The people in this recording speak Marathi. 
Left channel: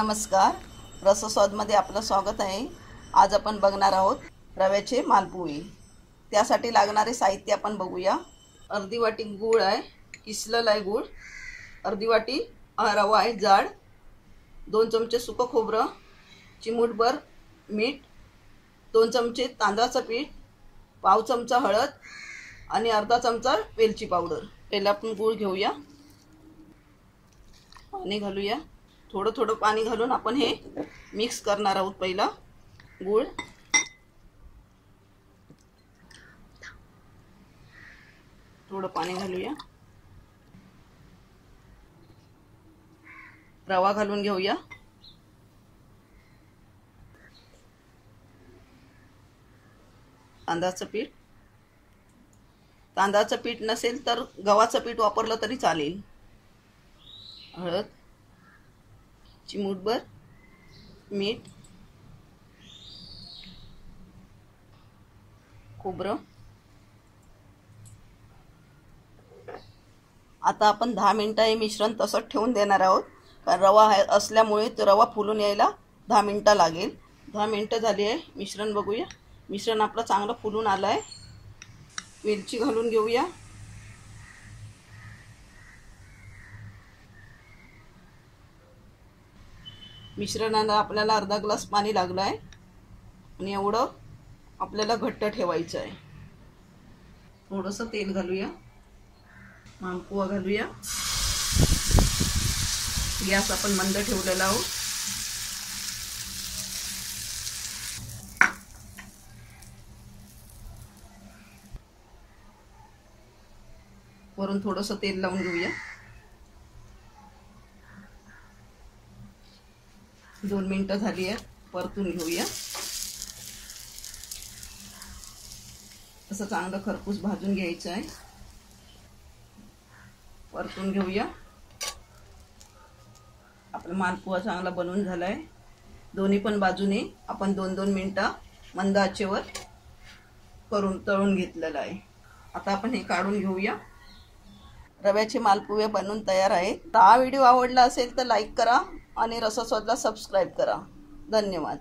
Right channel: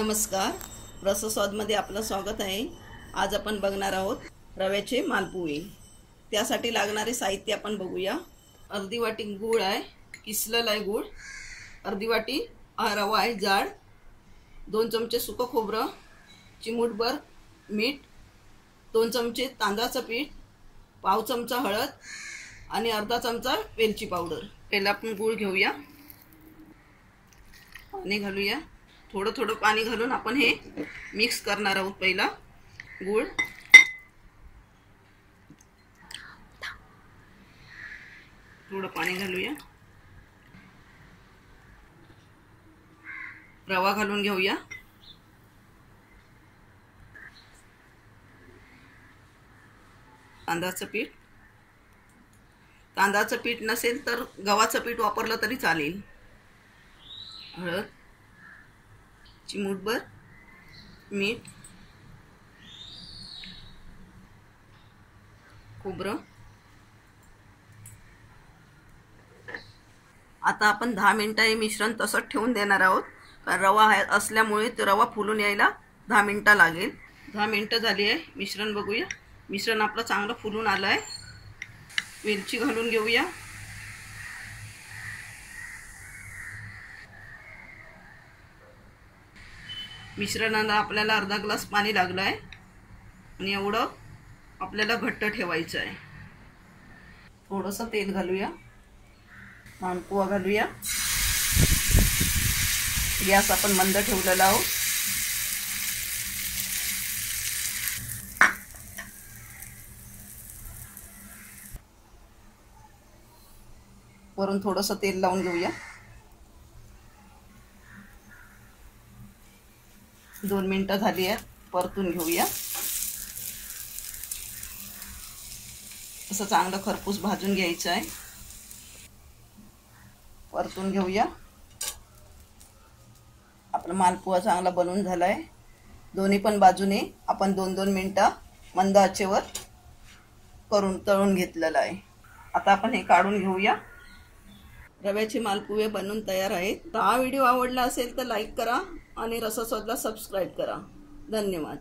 नमस्कार, रसस्वादमध्ये आपलं स्वागत आहे। आज आपण बघणार आहोत रव्याचे मालपुवे। त्यासाठी लागणारे साहित्य आपण बघूया। अर्धी वाटी गूळ आहे, किसलेला आहे गूळ। अर्धी वाटी रवा आहे जाड। 2 चमचे सुकं खोबरं, चिमूटभर मीठ, 2 चमचे तांदळाचं पीठ, पाव चमचा हळद आणि अर्धा चमचा वेलची पावडर। पहिला आपण गूळ घेऊया, पाणी घालूया। थोडं थोडं पाणी घालून आपण हे मिक्स करणार आहोत। पहिला गूळ, थोडं पाणी घालूया। रवा घालून घेऊया। तांदळाचं पीठ, तांदळाचं पीठ नसेल तर गव्हाचं पीठ वापरलं तरी चालेल। हळद, चिमूटभर मीठ, खोबरं। आता आपण 10 मिनिटं हे मिश्रण तसंच ठेवून देणार आहोत, कारण रवा असल्यामुळे तो रवा फुलून यायला 10 मिनिटं लागेल। 10 मिनिटं झाली आहे, मिश्रण बघूया। मिश्रण आपलं चांगलं फुलून आलं आहे। वेलची घालून घेऊया। मिश्रणाला आपल्याला अर्धा ग्लास पाणी लागलं आहे आणि एवढं आपल्याला घट्ट ठेवायचं आहे। थोडंसं तेल घालूया, मालपुवा घालूया। गॅस आपण मंद ठेवलेला आहोत। वरून थोडंसं तेल लावून घेऊया। 2 मिनिटं झाली आहे, परतून घेऊया। असं चांगलं खरपूस भाजून घ्यायचं आहे। परतून घेऊया। आपला मालपुवा चांगला बनवून झाला आहे। दोन्ही पण बाजूने आपण 2-2 मिनिटं मंद आचेवर तळून घेतलेलं आहे। आता आपण हे काढून घेऊया। रव्याचे मालपुवे बनवून तयार आहेत। हा व्हिडिओ आवडला असेल तर लाईक करा आणि रसस्वादला सबस्क्राईब करा। धन्यवाद।